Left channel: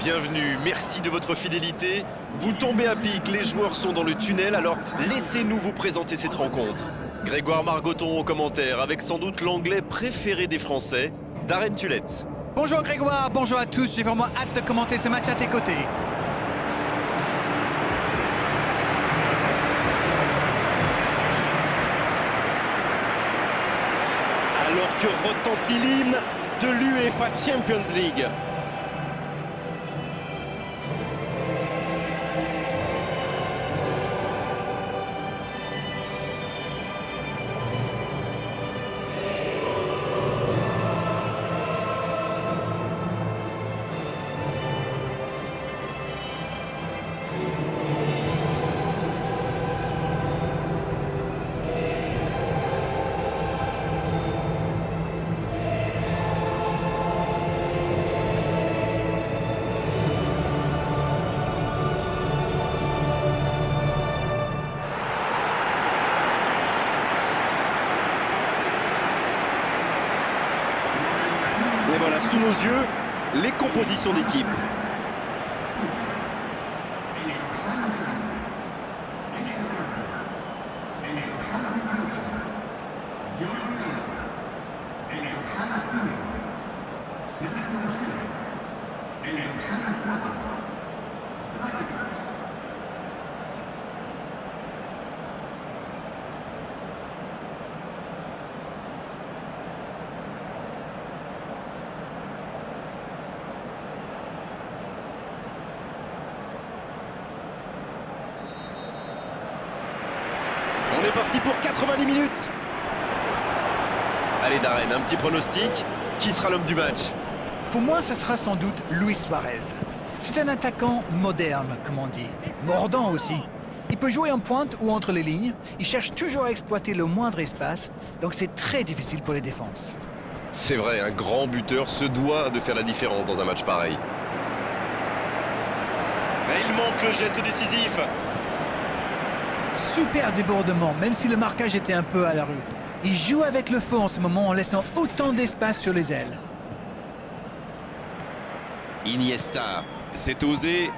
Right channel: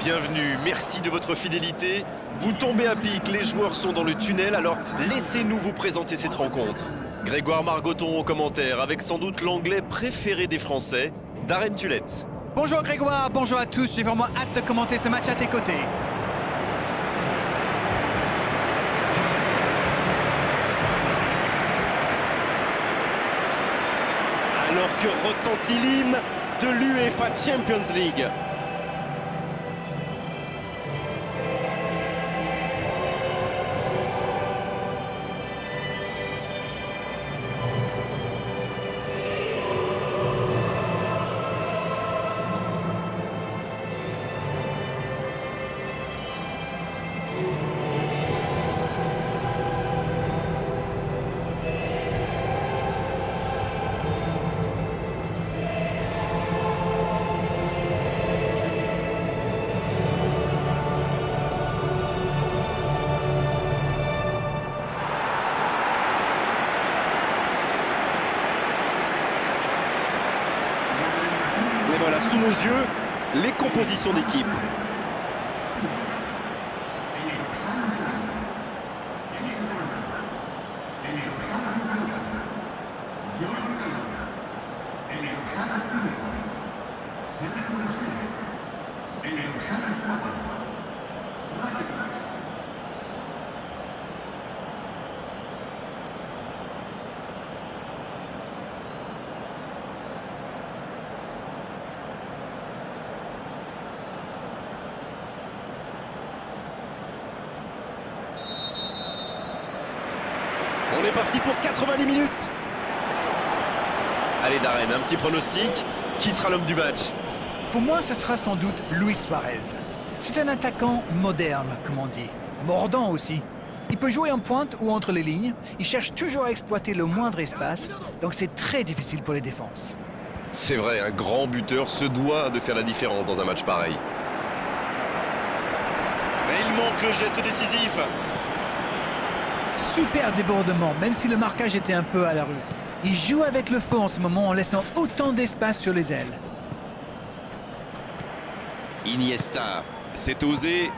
Bienvenue, merci de votre fidélité. Vous tombez à pic, les joueurs sont dans le tunnel, alors laissez-nous vous présenter cette rencontre. Grégoire Margoton au commentaire, avec sans doute l'anglais préféré des Français, Darren Tulette. Bonjour Grégoire, bonjour à tous, j'ai vraiment hâte de commenter ce match à tes côtés. Alors que retentit l'hymne de l'UEFA Champions League. Et voilà, sous nos yeux, les compositions d'équipe. On est parti pour 90 minutes. Allez Darren, un petit pronostic. Qui sera l'homme du match? Pour moi, ce sera sans doute Luis Suarez. C'est un attaquant moderne, comme on dit. Mordant aussi. Il peut jouer en pointe ou entre les lignes. Il cherche toujours à exploiter le moindre espace, donc c'est très difficile pour les défenses. C'est vrai, un grand buteur se doit de faire la différence dans un match pareil. Mais il manque le geste décisif. Super débordement, même si le marquage était un peu à la rue. Il joue avec le feu en ce moment en laissant autant d'espace sur les ailes. Iniesta, c'est osé.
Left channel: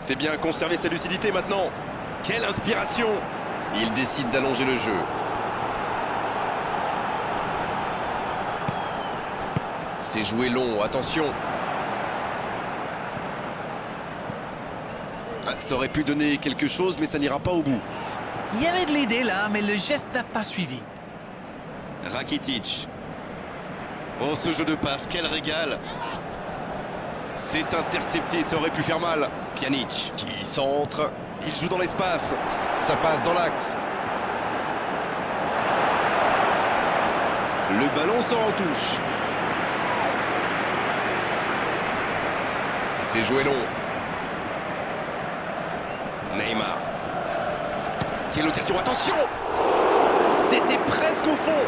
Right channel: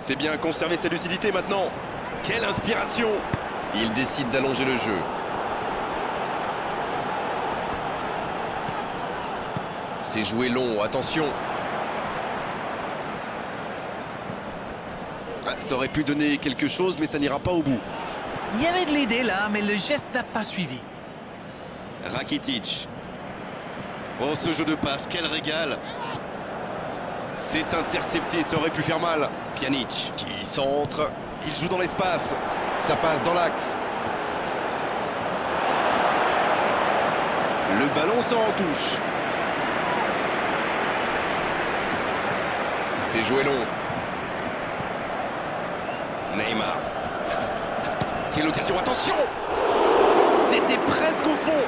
C'est bien conserver sa lucidité maintenant. Quelle inspiration! Il décide d'allonger le jeu. C'est joué long, attention. Ça aurait pu donner quelque chose, mais ça n'ira pas au bout. Il y avait de l'idée là, mais le geste n'a pas suivi. Rakitic. Oh, ce jeu de passe, quel régal! C'est intercepté, ça aurait pu faire mal. Pjanic qui centre. Il joue dans l'espace. Ça passe dans l'axe. Le ballon sort en touche. C'est joué long. Neymar. Quelle occasion, attention! C'était presque au fond.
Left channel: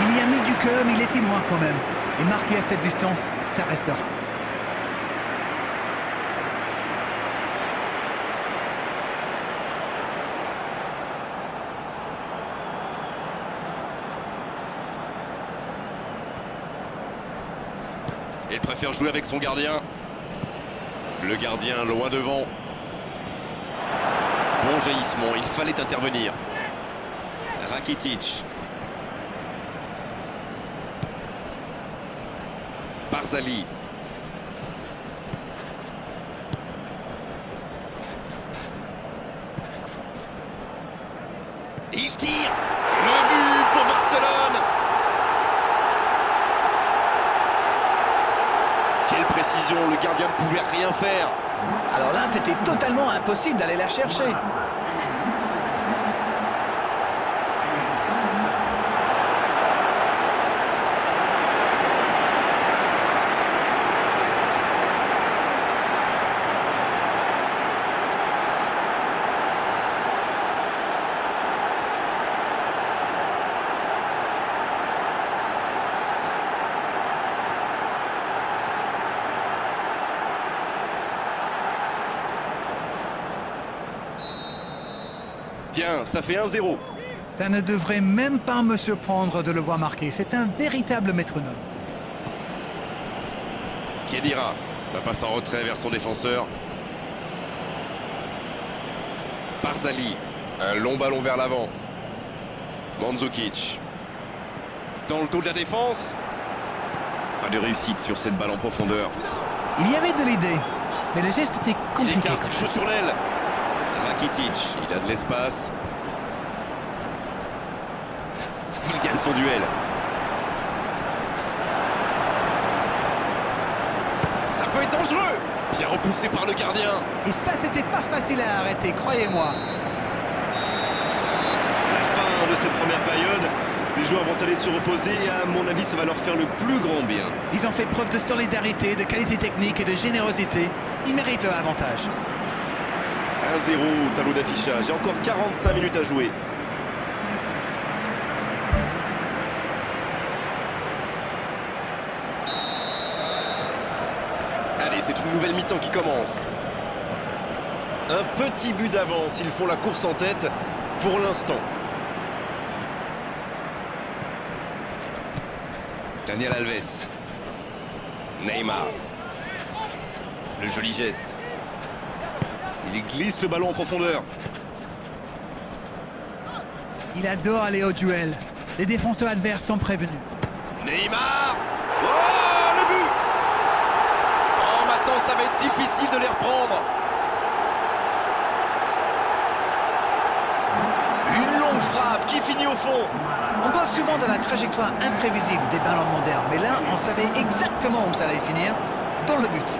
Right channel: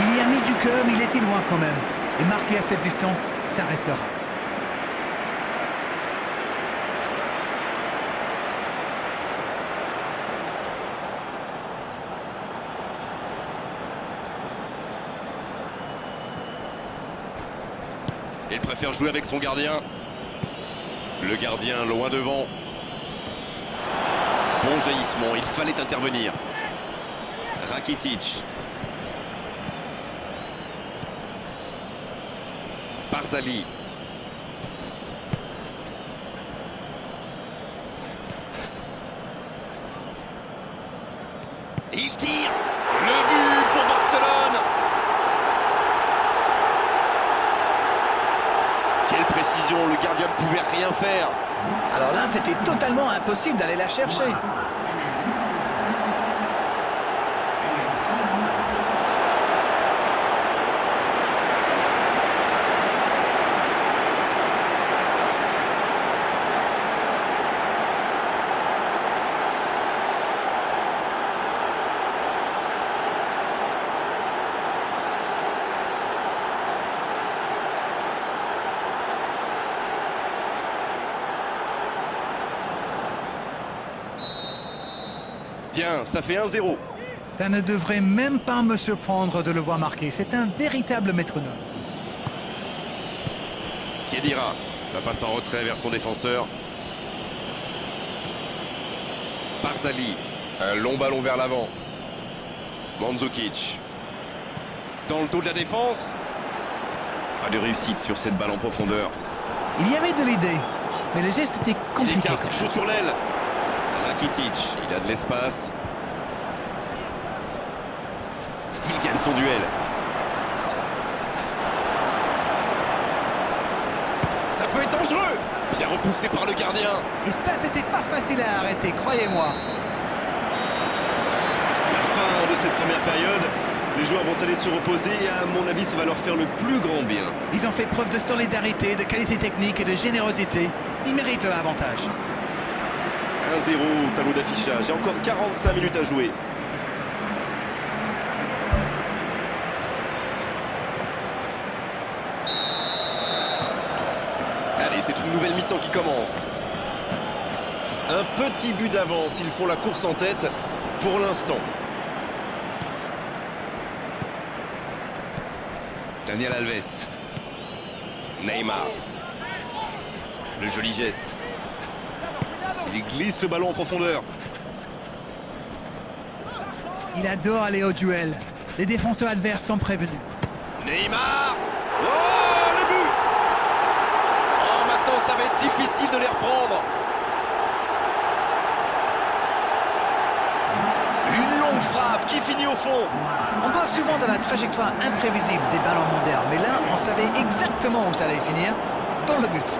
Il y a mis du cœur, mais il était loin quand même. Et marqué à cette distance, ça restera. Il préfère jouer avec son gardien. Le gardien loin devant. Bon jaillissement, il fallait intervenir. Rakitic. Barzali. Il tire. Le but pour Barcelone. Quelle précision, le gardien ne pouvait rien faire. Alors là, c'était totalement impossible d'aller la chercher. Bien, ça fait 1-0. Ça ne devrait même pas me surprendre de le voir marquer. C'est un véritable métronome. Khedira, la passe en retrait vers son défenseur. Barzali, un long ballon vers l'avant. Mandzukic. Dans le dos de la défense. Pas de réussite sur cette balle en profondeur. Il y avait de l'idée, mais le geste était Il compliqué. écarte, il joue sur l'aile. Rakitic, il a de l'espace. Il gagne son duel. Ça peut être dangereux. Bien repoussé par le gardien. Et ça, c'était pas facile à arrêter, croyez-moi. La fin de cette première période, les joueurs vont aller se reposer et à mon avis, ça va leur faire le plus grand bien. Ils ont fait preuve de solidarité, de qualité technique et de générosité. Ils méritent leur avantage. 1-0 au tableau d'affichage. Il y a encore 45 minutes à jouer. Allez, c'est une nouvelle mi-temps qui commence. Un petit but d'avance. Ils font la course en tête pour l'instant. Daniel Alves. Neymar. Le joli geste. Il glisse le ballon en profondeur. Il adore aller au duel. Les défenseurs adverses sont prévenus. Neymar. Oh, le but. Oh, maintenant, ça va être difficile de les reprendre. Une longue frappe qui finit au fond. On parle souvent de la trajectoire imprévisible des ballons modernes, mais là, on savait exactement où ça allait finir, dans le but.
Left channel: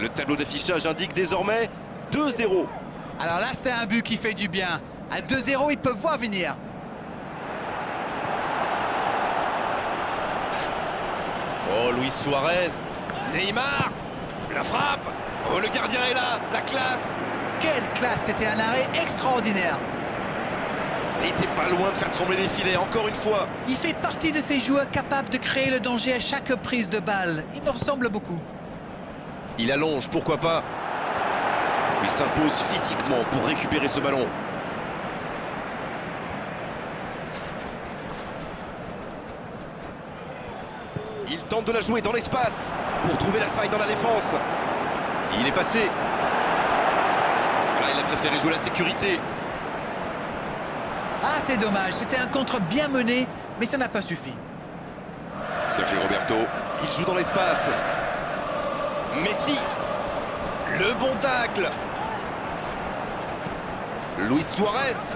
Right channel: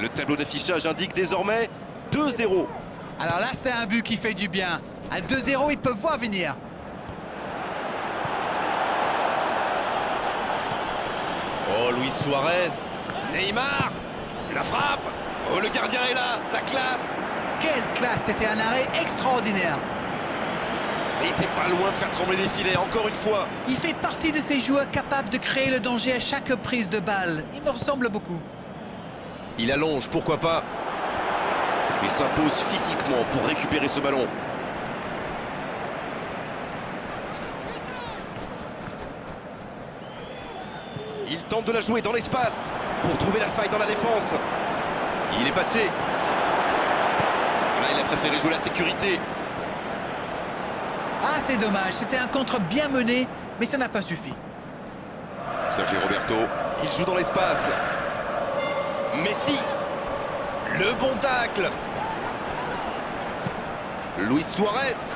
Le tableau d'affichage indique désormais 2-0. Alors là, c'est un but qui fait du bien. À 2-0, ils peuvent voir venir. Oh, Luis Suarez. Neymar. La frappe. Oh, le gardien est là. La classe. Quelle classe! C'était un arrêt extraordinaire. Il était pas loin de faire trembler les filets, encore une fois. Il fait partie de ces joueurs capables de créer le danger à chaque prise de balle. Il me ressemble beaucoup. Il allonge, pourquoi pas. Il s'impose physiquement pour récupérer ce ballon. Il tente de la jouer dans l'espace pour trouver la faille dans la défense. Il est passé. Voilà, il a préféré jouer la sécurité. Ah, c'est dommage. C'était un contre bien mené, mais ça n'a pas suffi. Sergio Roberto, il joue dans l'espace. Messi, le bon tacle. Luis Suarez.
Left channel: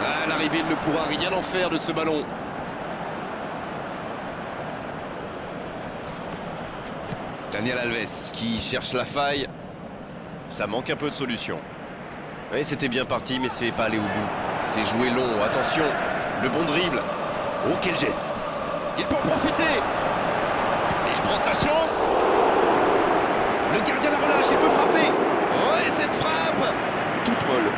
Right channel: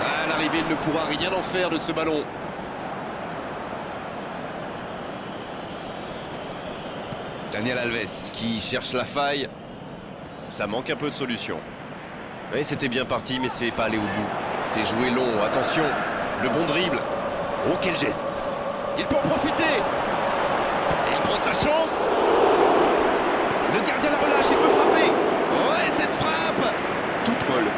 À l'arrivée, il ne pourra rien en faire de ce ballon. Daniel Alves qui cherche la faille. Ça manque un peu de solution. Oui, c'était bien parti, mais c'est pas allé au bout. C'est joué long, attention. Le bon dribble. Oh, quel geste. Il peut en profiter. Il prend sa chance. Le gardien la relâche, il peut frapper. Oh, et cette frappe toute molle.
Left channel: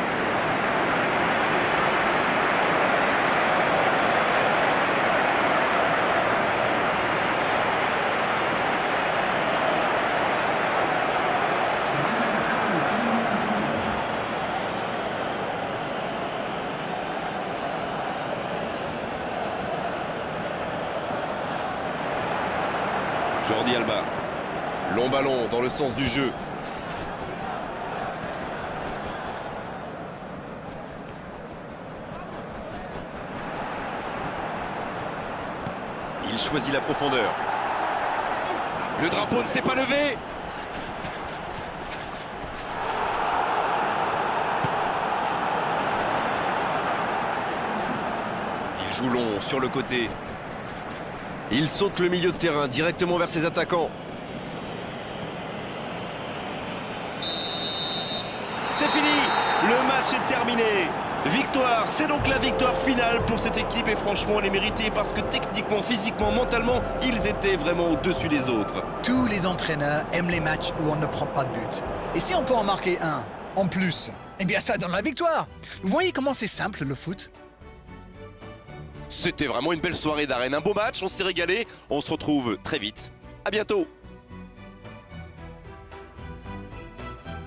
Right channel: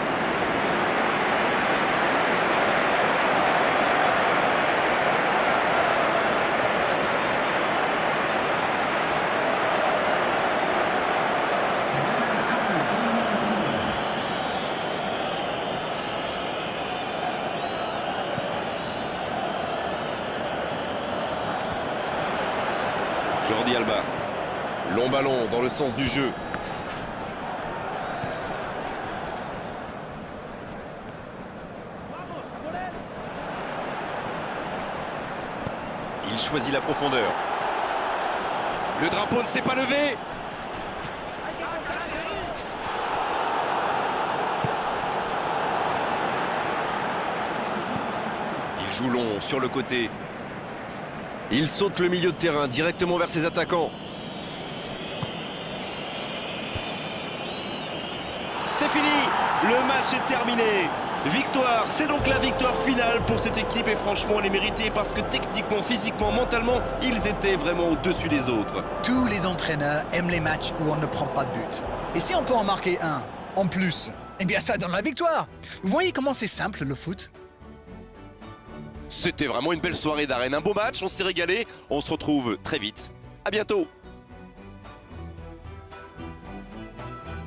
Jordi Alba. Long ballon dans le sens du jeu. Il choisit la profondeur. Le drapeau ne s'est pas levé. Il joue long sur le côté. Il saute le milieu de terrain directement vers ses attaquants. c'est fini. Le match est terminé. Victoire, c'est donc la victoire finale pour cette équipe et franchement elle est méritée parce que techniquement, physiquement, mentalement, ils étaient vraiment au-dessus des autres. Tous les entraîneurs aiment les matchs où on ne prend pas de but. Et si on peut en marquer un, en plus, eh bien ça donne la victoire. Vous voyez comment c'est simple le foot? C'était vraiment une belle soirée d'arène, un beau match, on s'est régalé, on se retrouve très vite. À bientôt.